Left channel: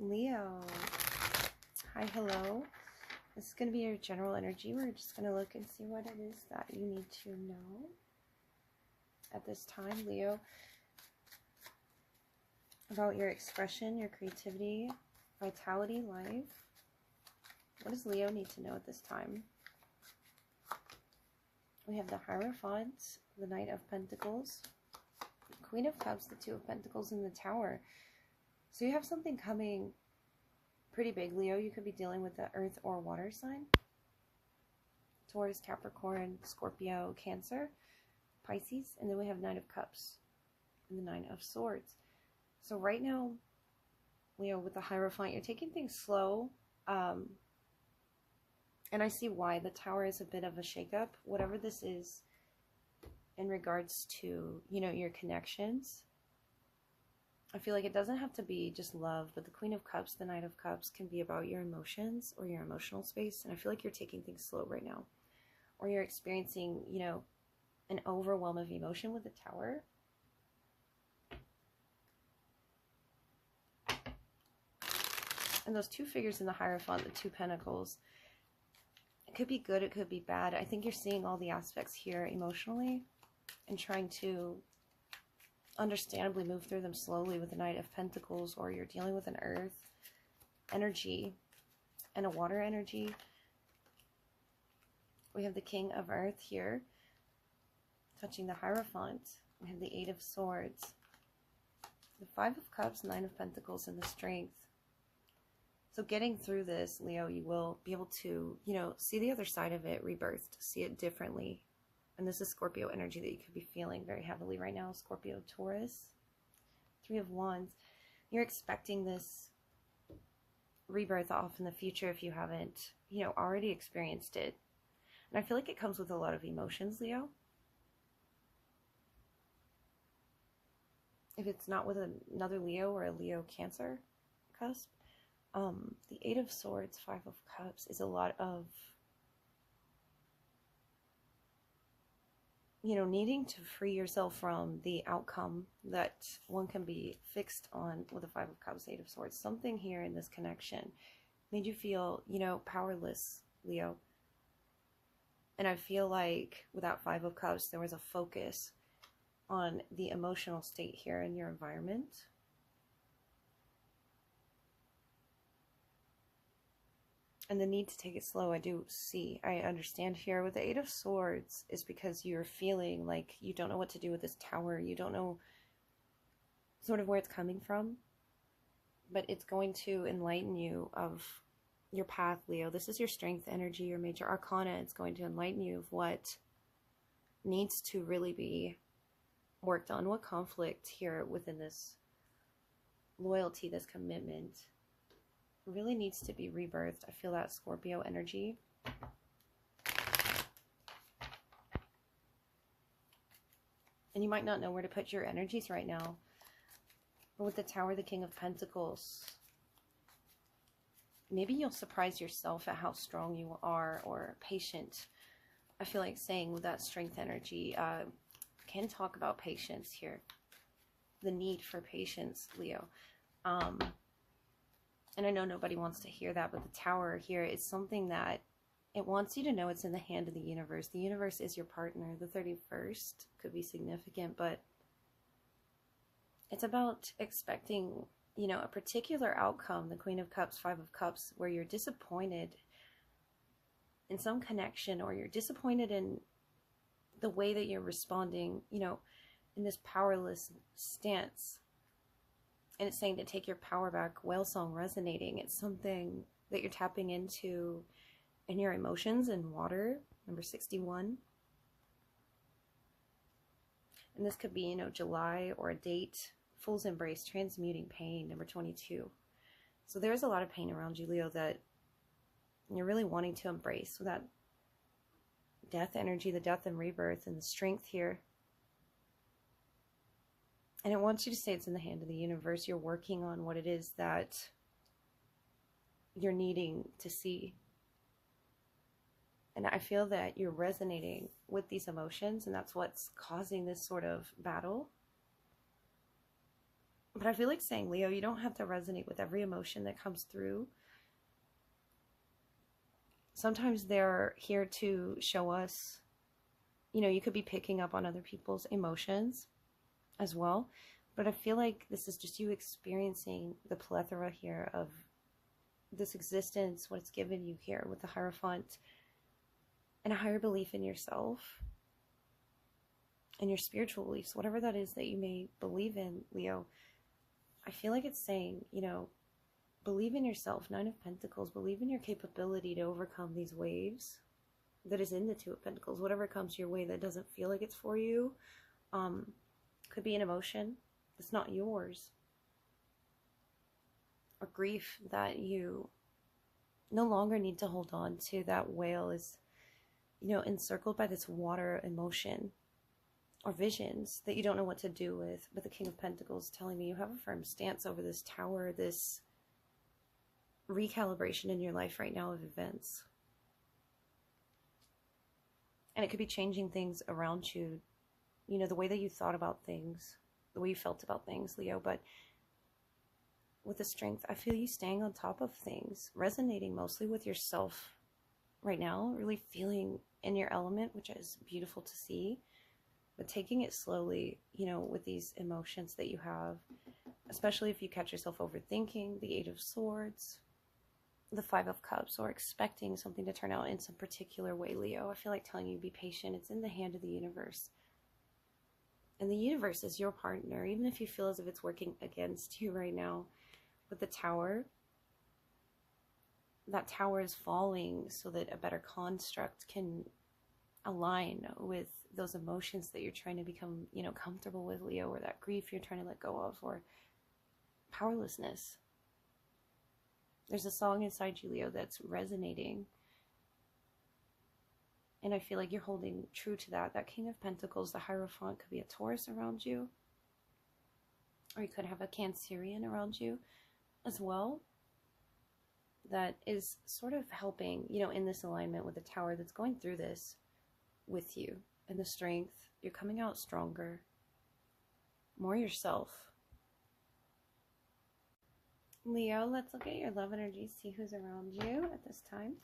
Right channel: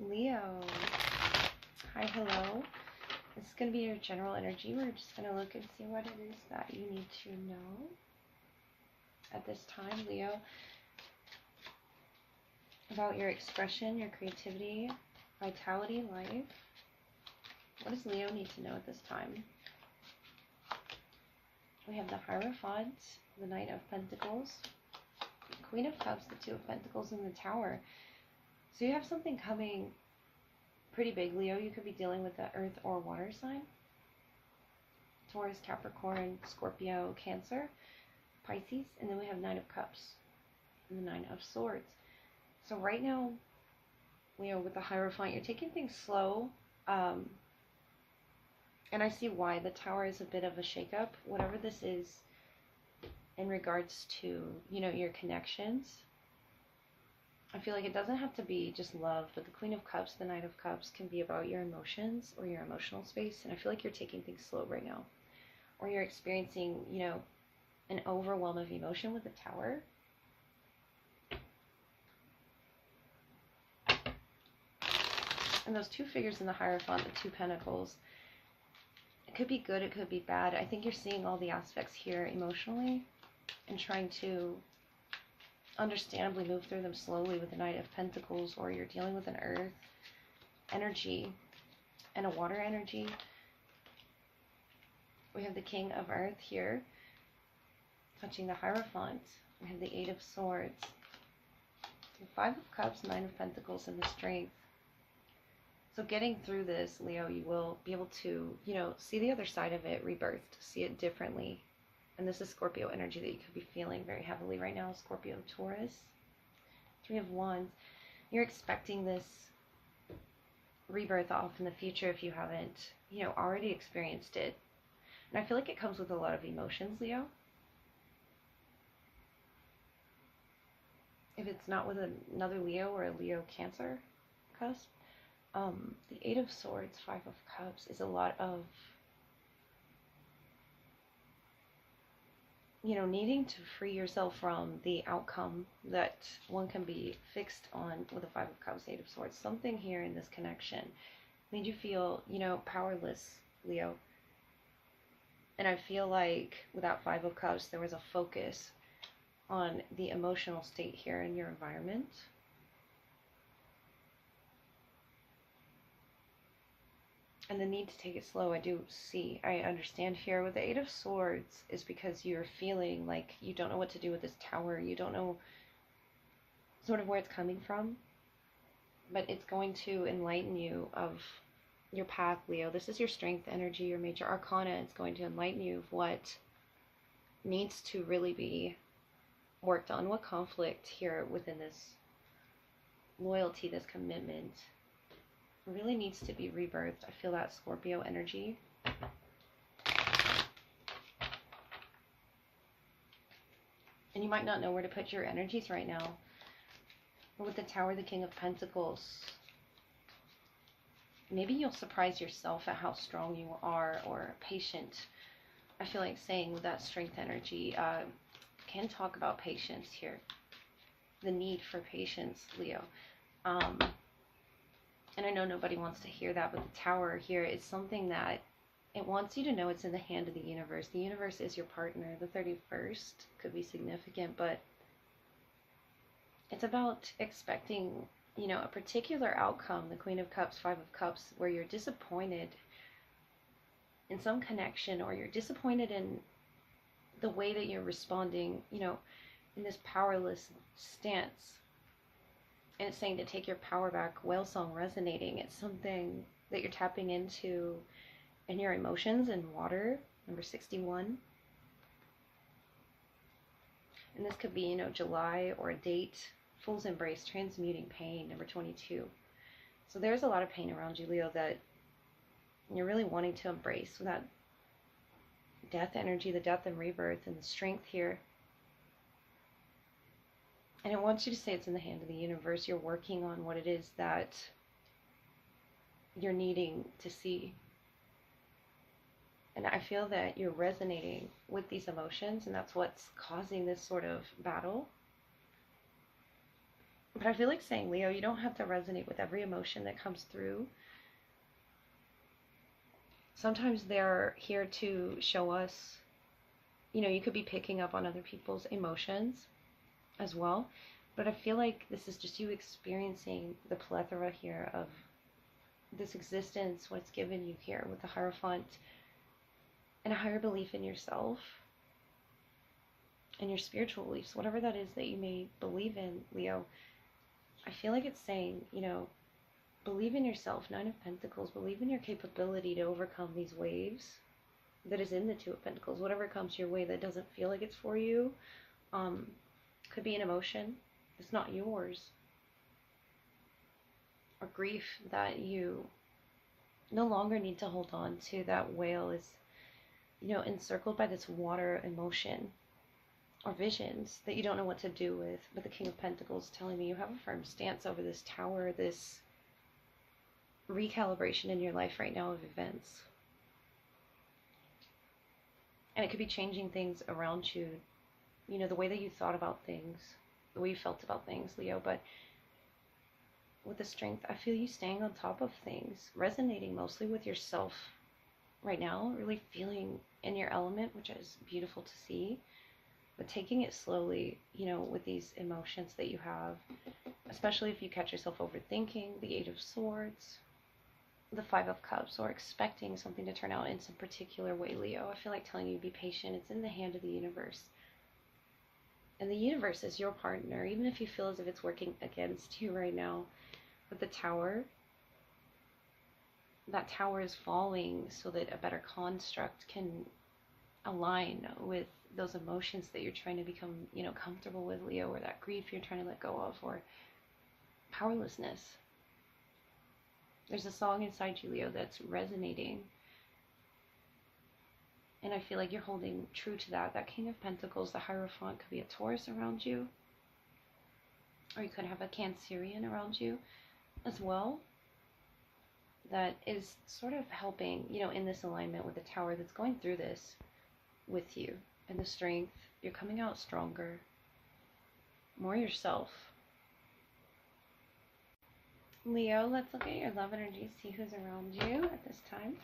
Leo. Hi, hello. This is going to be your general energy. We're just going to look and see what it is that you need to know at this time, Leo, about your expression, your creativity, vitality, life. What does Leo need to know at this time? We have the Hierophant, the Knight of Pentacles, Queen of Cups, the Two of Pentacles, and the Tower. So you have something coming pretty big, Leo. You could be dealing with the earth or water sign. Taurus, Capricorn, Scorpio, Cancer, Pisces, and then we have Nine of Cups and the Nine of Swords. So right now, Leo, with the Hierophant, you're taking things slow. And I see why. The Tower is a bit of a shakeup. Whatever this is in regards to, your connections, I feel like it doesn't have to be just love, but the Queen of Cups, the Knight of Cups can be about your emotions or your emotional space. And I feel like you're taking things slow right now. Or you're experiencing, an overwhelm of emotion with the Tower. And those two figures in the Hierophant, the Two Pentacles, it could be good, it could be bad. I think you're seeing all the aspects here emotionally and trying to understandably move through them slowly with the Knight of Pentacles, or you're dealing with an earth energy and a water energy. We have the King of Earth here touching the Hierophant. We have the Eight of Swords, the Five of Cups, Nine of Pentacles, and the Strength. So getting through this, Leo, you will be able to, see the other side of it, rebirthed, see it differently. And this is Scorpio energy that you could be feeling very heavily right now. Scorpio, Taurus, Three of Wands. You're expecting this rebirth off in the future if you haven't, already experienced it. And I feel like it comes with a lot of emotions, Leo. If it's not with another Leo or a Leo Cancer cusp. The Eight of Swords, Five of Cups is a lot of, needing to free yourself from the outcome that one can be fixed on with the Five of Cups, Eight of Swords. Something here in this connection made you feel, powerless, Leo. And I feel like with that Five of Cups, there was a focus on the emotional state here in your environment. And the need to take it slow, I do see. I understand here with the Eight of Swords is because you're feeling like you don't know what to do with this Tower. You don't know sort of where it's coming from. But it's going to enlighten you of your path, Leo. This is your strength energy, your major arcana. It's going to enlighten you of what needs to really be worked on. What conflict here within this loyalty, this commitment, really needs to be rebirthed. I feel that Scorpio energy. And you might not know where to put your energies right now. But with the Tower, the King of Pentacles, maybe you'll surprise yourself at how strong you are or patient. I feel like saying with that strength energy, can talk about patience here. The need for patience, Leo. And I know nobody wants to hear that, but the Tower here is something that it wants you to know it's in the hand of the universe. The universe is your partner. The 31st could be significant, but it's about expecting, a particular outcome, the Queen of Cups, Five of Cups, where you're disappointed in some connection, or you're disappointed in the way that you're responding, in this powerless stance. And it's saying to take your power back. Whale song resonating. It's something that you're tapping into in your emotions and water. Number 61. And this could be, July or a date. Fool's Embrace, transmuting pain. Number 22. So there's a lot of pain around you, Leo, that you're really wanting to embrace with that death energy, the death and rebirth, and the strength here. And it wants you to say it's in the hand of the universe. You're working on what it is that you're needing to see. And I feel that you're resonating with these emotions, and that's what's causing this sort of battle. But I feel like saying, Leo, you don't have to resonate with every emotion that comes through. Sometimes they're here to show us, you could be picking up on other people's emotions as well. But I feel like this is just you experiencing the plethora here of this existence, what's given you here with the Hierophant, and a higher belief in yourself and your spiritual beliefs, whatever that is that you may believe in, Leo. I feel like it's saying, believe in yourself, Nine of Pentacles, believe in your capability to overcome these waves that is in the Two of Pentacles. Whatever comes your way that doesn't feel like it's for you, could be an emotion that's not yours, or grief that you no longer need to hold on to. That whale is, encircled by this water emotion or visions that you don't know what to do with. But the King of Pentacles telling me you have a firm stance over this tower, this recalibration in your life right now of events. And it could be changing things around you, the way that you thought about things, the way you felt about things, Leo. But with the Strength, I feel you staying on top of things, resonating mostly with yourself right now, really feeling in your element, which is beautiful to see. But taking it slowly, with these emotions that you have, especially if you catch yourself overthinking, the Eight of Swords, the Five of Cups, or expecting something to turn out in some particular way, Leo. I feel like telling you, be patient. It's in the hand of the universe. And the universe is your partner, even if you feel as if it's working against you right now. With the Tower, that tower is falling so that a better construct can align with those emotions that you're trying to become, comfortable with, Leo, or that grief you're trying to let go of, or powerlessness. There's a song inside you, Leo, that's resonating. And I feel like you're holding true to that. That King of Pentacles, the Hierophant, could be a Taurus around you. Or you could have a Cancerian around you as well. That is sort of helping, in this alignment with the Tower that's going through this with you. And the Strength, you're coming out stronger, more yourself. Leo, let's look at your love energy, see who's around you at this time.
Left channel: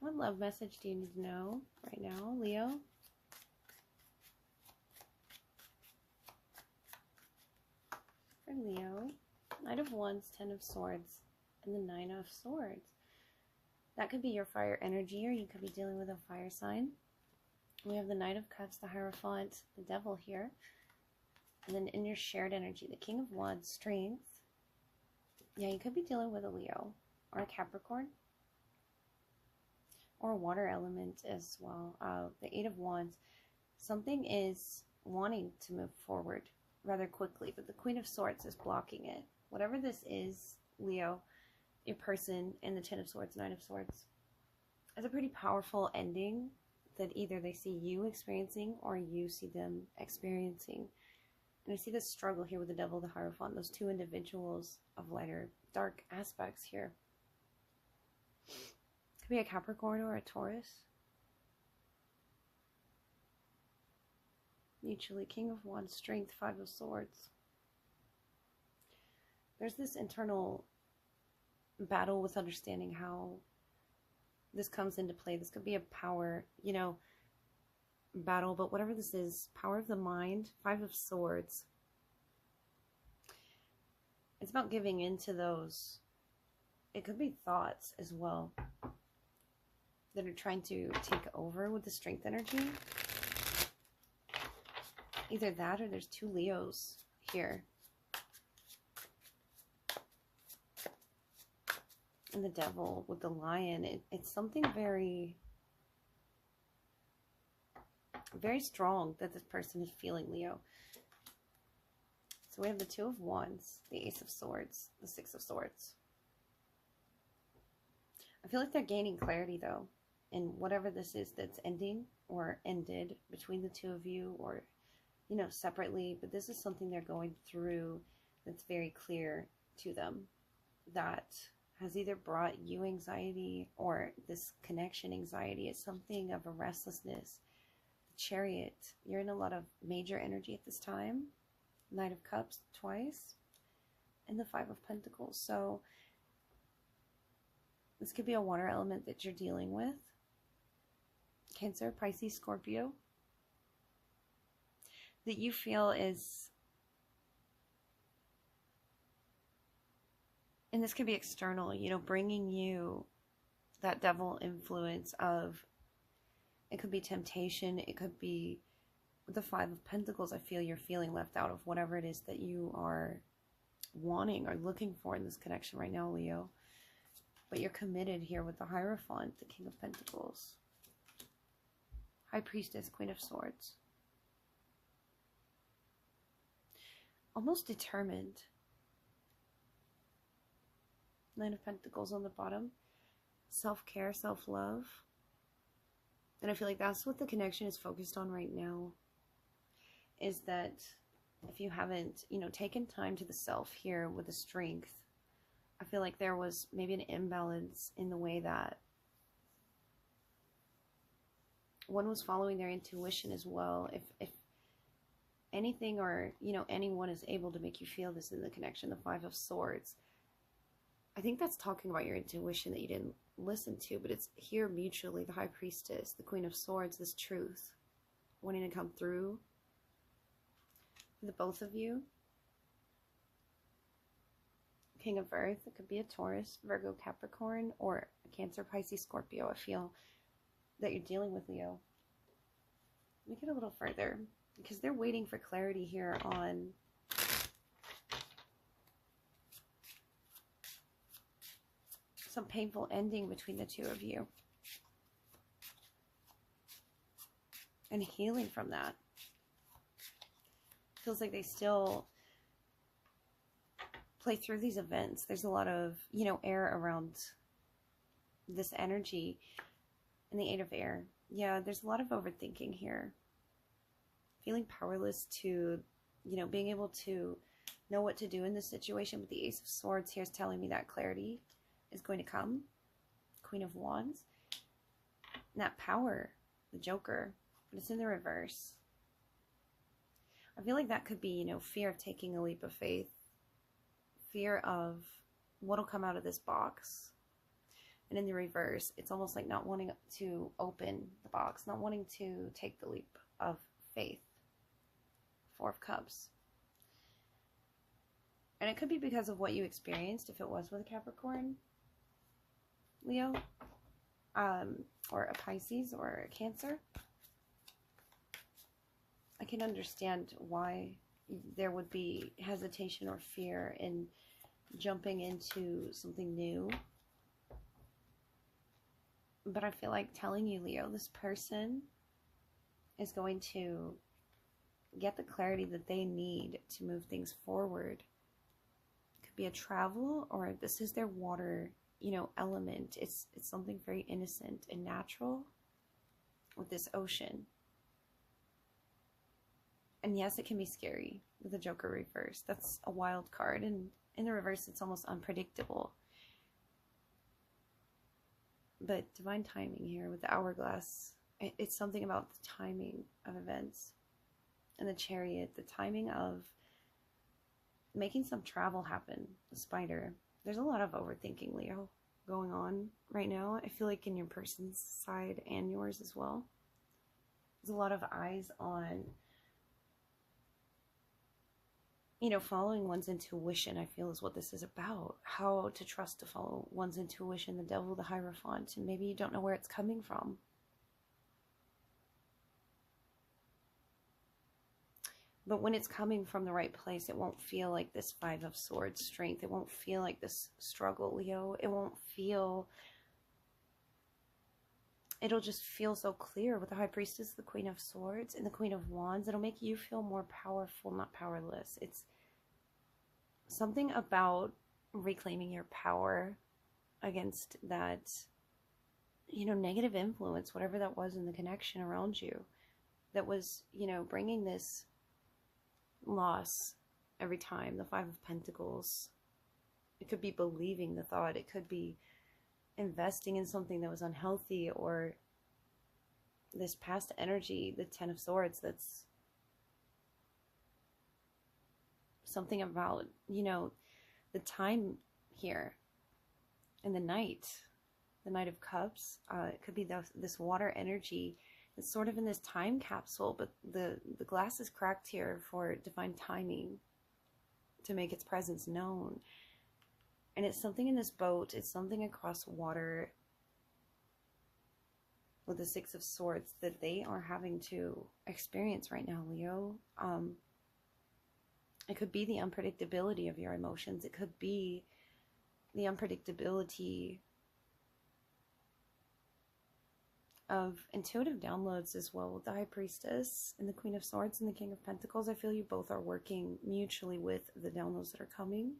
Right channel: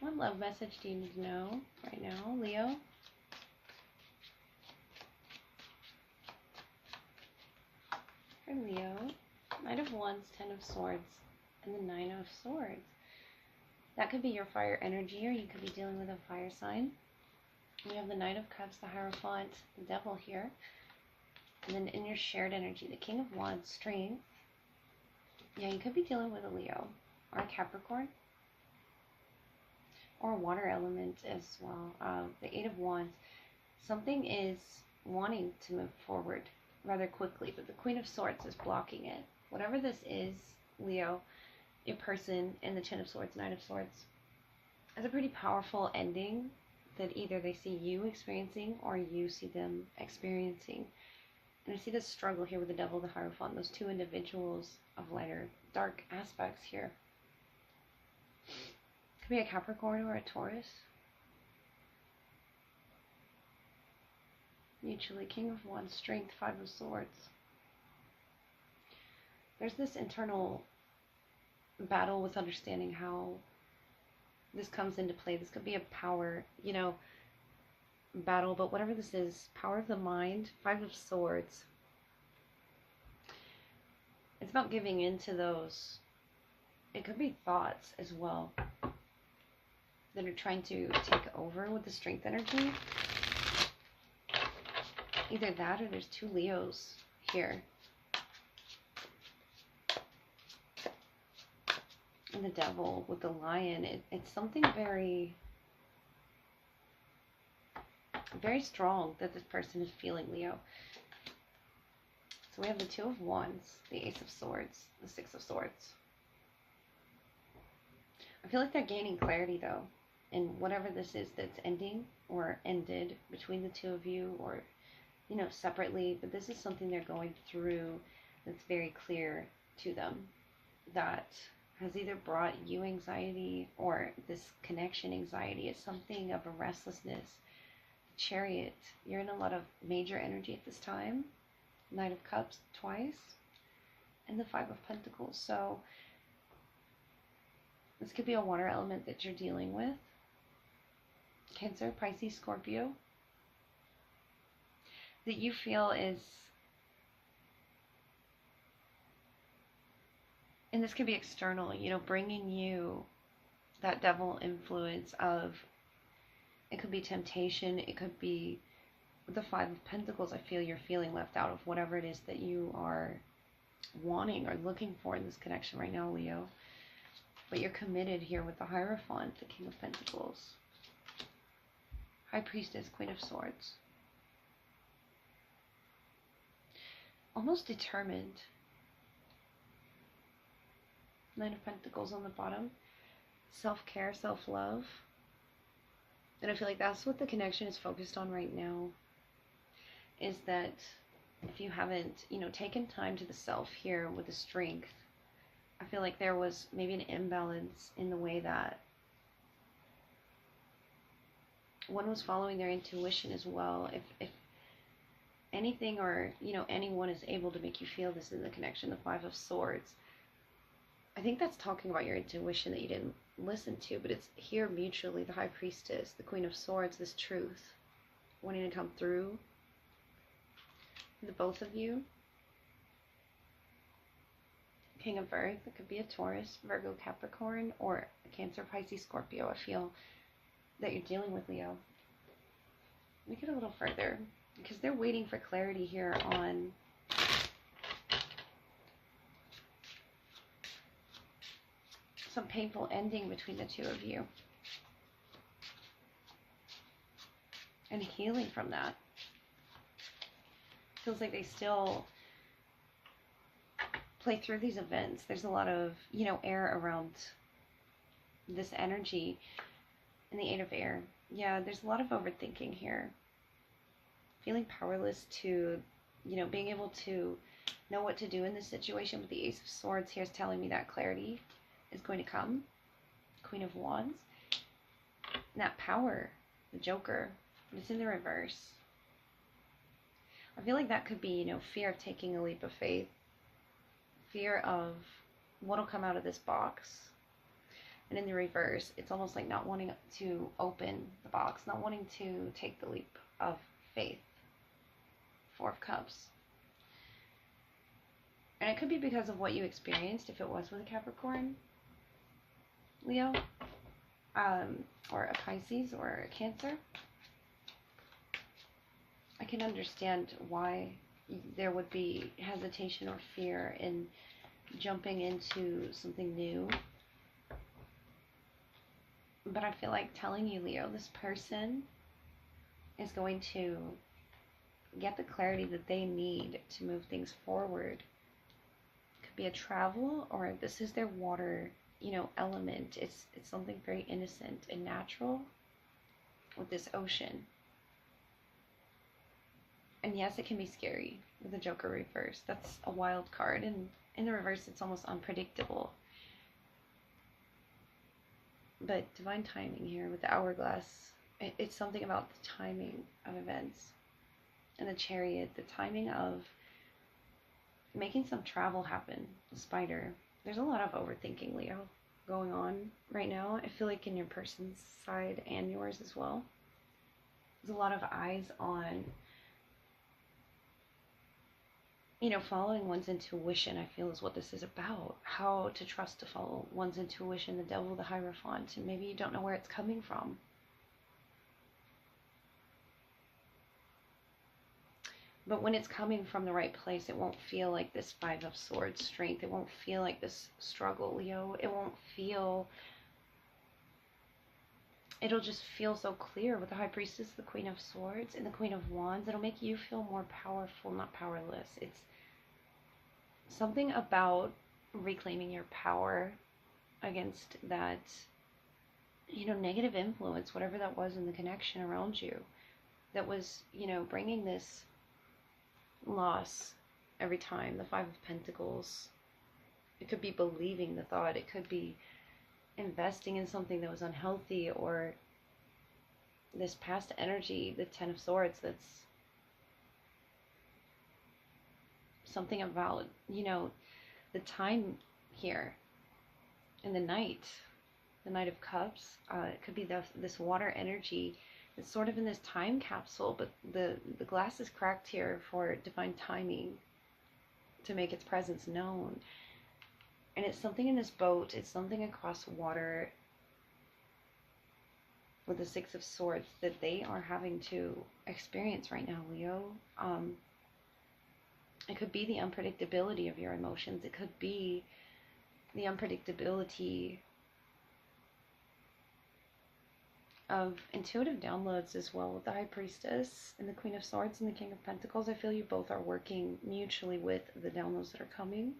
What love message do you need to know right now, Leo? For Leo, Knight of Wands, Ten of Swords, and the Nine of Swords. That could be your fire energy, or you could be dealing with a fire sign. We have the Knight of Cups, the Hierophant, the Devil here. And then in your shared energy, the King of Wands, Strength. Yeah, you could be dealing with a Leo or a Capricorn. Or a water element as well. The Eight of Wands. Something is wanting to move forward rather quickly, but the Queen of Swords is blocking it. Whatever this is, Leo, your person, and the Ten of Swords, Nine of Swords, is a pretty powerful ending that either they see you experiencing or you see them experiencing. And I see this struggle here with the Devil, the Hierophant, those two individuals of lighter, dark aspects here. Could be a Capricorn or a Taurus. Mutually, King of Wands, Strength, Five of Swords. There's this internal battle with understanding how this comes into play. This could be a power, battle, but whatever this is, power of the mind, Five of Swords. It's about giving into those. It could be thoughts as well that are trying to take over with the Strength energy. Either that or there's two Leos here. And the Devil with the Lion. It's something very, very strong that this person is feeling, Leo. So we have the Two of Wands, the Ace of Swords, the Six of Swords. I feel like they're gaining clarity, though, in whatever this is that's ending or ended between the two of you, or, separately. But this is something they're going through that's very clear to them, that has either brought you anxiety or this connection anxiety. Is something of a restlessness Chariot, you're in a lot of major energy at this time. Knight of Cups twice, and the Five of Pentacles. So this could be a water element that you're dealing with. Cancer, Pisces, Scorpio. That you feel is, and this could be external, you know, bringing you that devil influence of, it could be temptation, it could be the Five of Pentacles. I feel you're feeling left out of whatever it is that you are wanting or looking for in this connection right now, Leo. But you're committed here with the Hierophant, the King of Pentacles. High Priestess, Queen of Swords. Almost determined. Nine of Pentacles on the bottom. Self-care, self-love. And I feel like that's what the connection is focused on right now. Is that if you haven't, you know, taken time to the self here with the Strength, I feel like there was maybe an imbalance in the way that one was following their intuition as well. If anything or, you know, anyone is able to make you feel this in the connection, the Five of Swords, I think that's talking about your intuition that you didn't listen to, but it's here mutually, the High Priestess, the Queen of Swords, this truth wanting to come through the both of you. King of Earth, it could be a Taurus, Virgo, Capricorn, or a Cancer, Pisces, Scorpio. I feel that you're dealing with, Leo. Make it a little further, because they're waiting for clarity here on some painful ending between the two of you. And healing from that. Feels like they still play through these events. There's a lot of, you know, air around this energy. And the Eight of Air. Yeah, there's a lot of overthinking here. Feeling powerless to, you know, being able to know what to do in this situation. But the Ace of Swords here is telling me that clarity is going to come. Queen of Wands. And that power, the Joker, but it's in the reverse. I feel like that could be, you know, fear of taking a leap of faith. Fear of what'll come out of this box. And in the reverse, it's almost like not wanting to open the box, not wanting to take the leap of faith. Four of Cups. And it could be because of what you experienced, if it was with a Capricorn, Leo, or a Pisces, or a Cancer. I can understand why there would be hesitation or fear in jumping into something new. But I feel like telling you, Leo, this person is going to get the clarity that they need to move things forward. It could be a travel, or this is their water, you know, element. It's something very innocent and natural with this ocean. And yes, it can be scary with the Joker reverse. That's a wild card. And in the reverse, it's almost unpredictable. But divine timing here with the Hourglass. It's something about the timing of events. And the Chariot, the timing of making some travel happen. The Spider. There's a lot of overthinking, Leo, going on right now. I feel like in your person's side and yours as well. There's a lot of eyes on, you know, following one's intuition, I feel, is what this is about. How to trust to follow one's intuition, the Devil, the Hierophant, and maybe you don't know where it's coming from. But when it's coming from the right place, it won't feel like this Five of Swords strength. It won't feel like this struggle, Leo. It won't feel... It'll just feel so clear with the High Priestess, the Queen of Swords, and the Queen of Wands. It'll make you feel more powerful, not powerless. It's something about reclaiming your power against that, you know, negative influence, whatever that was in the connection around you, that was, you know, bringing this loss every time. The Five of Pentacles. It could be believing the thought. It could be investing in something that was unhealthy, or this past energy, the Ten of Swords, that's something about, the time here in the Knight of Cups. It could be this water energy. It's sort of in this time capsule, but the glass is cracked here for divine timing to make its presence known. And it's something in this boat. It's something across water with the Six of Swords that they are having to experience right now, Leo. It could be the unpredictability of your emotions. It could be the unpredictability of intuitive downloads as well with the High Priestess and the Queen of Swords and the King of Pentacles. I feel you both are working mutually with the downloads that are coming.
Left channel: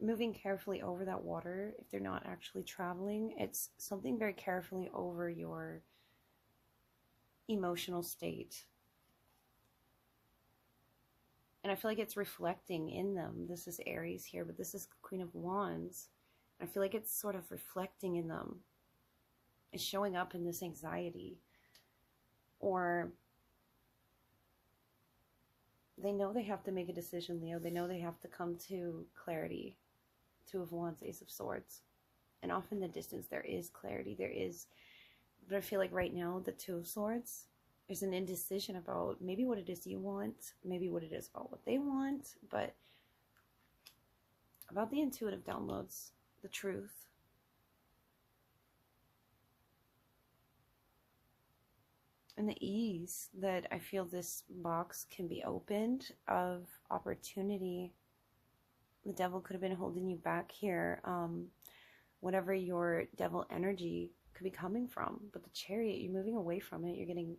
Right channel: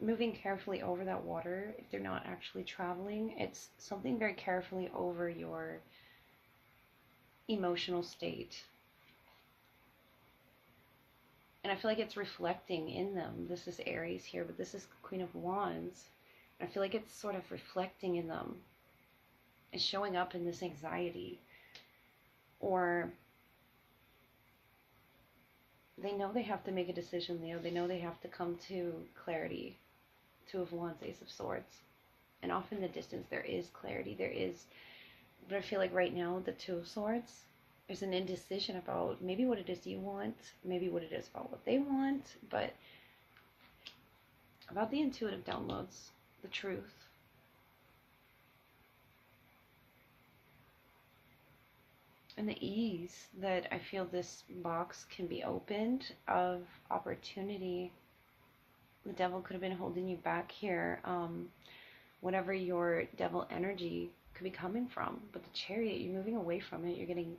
Moving carefully over that water. If they're not actually traveling, it's something very carefully over your emotional state. And I feel like it's reflecting in them. This is Aries here, but this is the Queen of Wands. And I feel like it's sort of reflecting in them. It's showing up in this anxiety. Or they know they have to make a decision, Leo. They know they have to come to clarity. Two of Wands, Ace of Swords. And off in the distance, there is clarity. There is, but I feel like right now, the Two of Swords, there's an indecision about maybe what it is you want, maybe what it is about what they want, but about the intuitive downloads, the truth. And the ease that I feel this box can be opened of opportunity. The devil could have been holding you back here. Whatever your devil energy could be coming from. But the Chariot, you're moving away from it. You're getting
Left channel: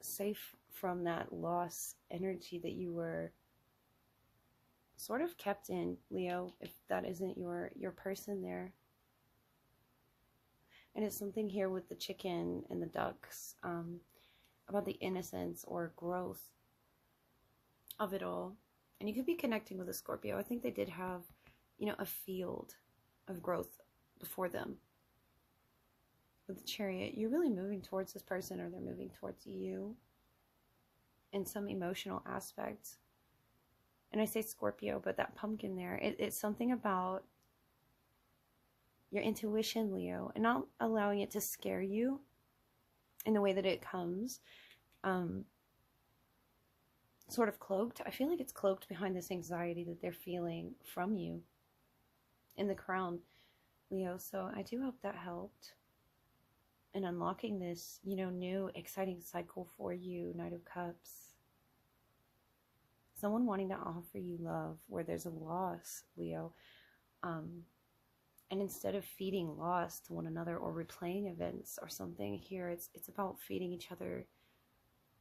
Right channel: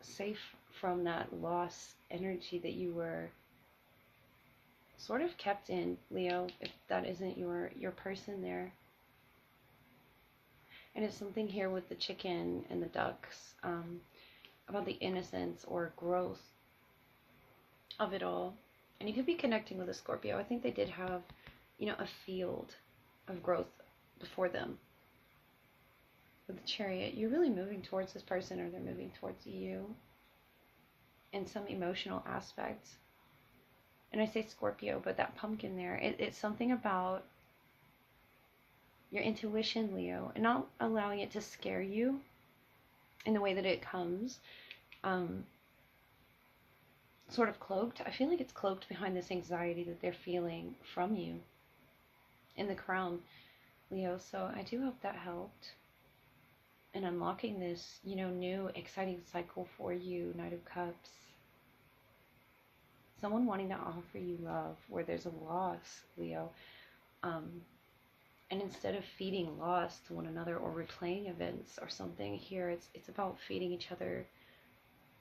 safe from that loss energy that you were sort of kept in, Leo, if that isn't your person there. And it's something here with the chicken and the ducks, about the innocence or growth of it all. And you could be connecting with a Scorpio. I think they did have, a field of growth before them. With the Chariot, you're really moving towards this person, or they're moving towards you in some emotional aspect. And I say Scorpio, but that pumpkin there, it's something about your intuition, Leo, and not allowing it to scare you in the way that it comes. Sort of cloaked. I feel like it's cloaked behind this anxiety that they're feeling from you in the crown, Leo. So I do hope that helped in unlocking this, new exciting cycle for you, Knight of Cups. Someone wanting to offer you love where there's a loss, Leo. And instead of feeding loss to one another or replaying events or something here, it's about feeding each other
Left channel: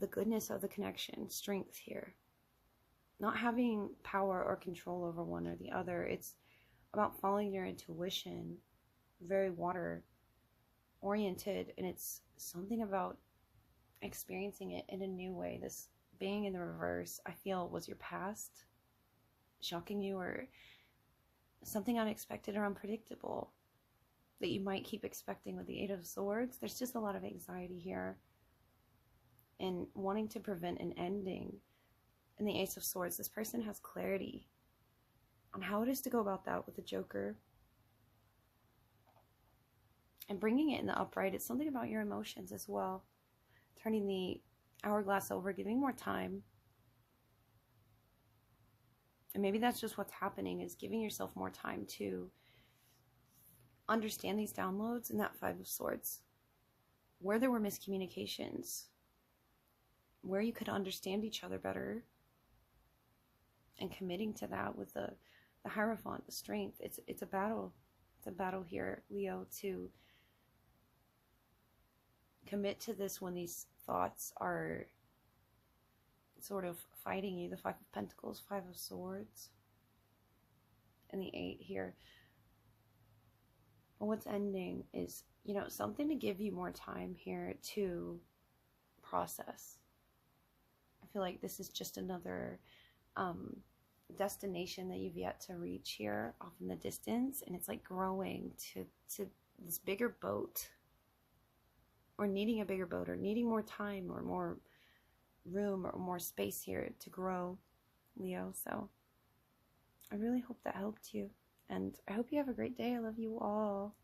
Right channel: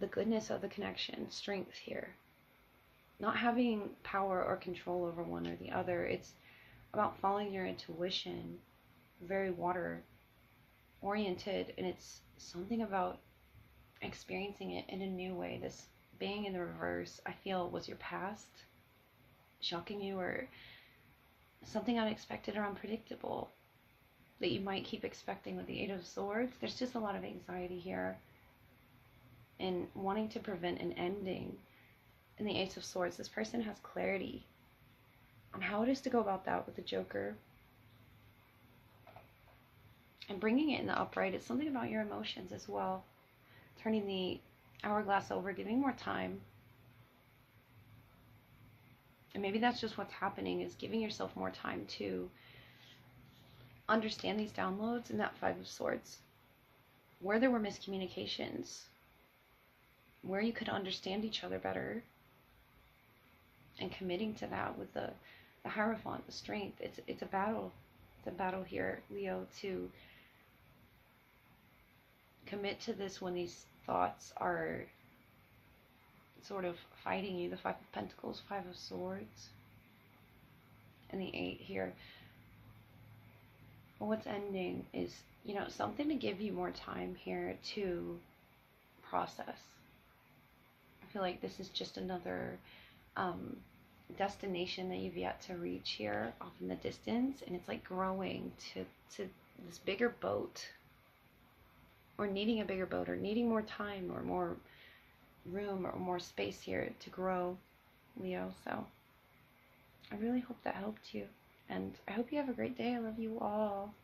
the goodness of the connection, strength here. Not having power or control over one or the other. It's about following your intuition, very water oriented, and it's something about experiencing it in a new way. This being in the reverse, I feel, was your past shocking you, or something unexpected or unpredictable that you might keep expecting with the Eight of Swords. There's just a lot of anxiety here and wanting to prevent an ending. In the Ace of Swords, this person has clarity on how it is to go about that with the Joker. And bringing it in the upright, it's something about your emotions as well. Turning the hourglass over, giving more time. And maybe that's just what's happening, is giving yourself more time to understand these downloads. And that Five of Swords, where there were miscommunications, where you could understand each other better, and committing to that with the Hierophant, the strength. It's a battle. It's a battle here, Leo, to commit to this when these thoughts are sort of fighting you. The Five of Pentacles, Five of Swords, and the Eight here. Well, what's ending is, something to give you more time here to process. I feel like this is just another destination that you've yet to reach here off in the distance, and it's like growing to this bigger boat or needing a bigger boat or needing more time or more room or more space here to grow, Leo. So I really hope that helped you. And I hope you have a great day. I love you all.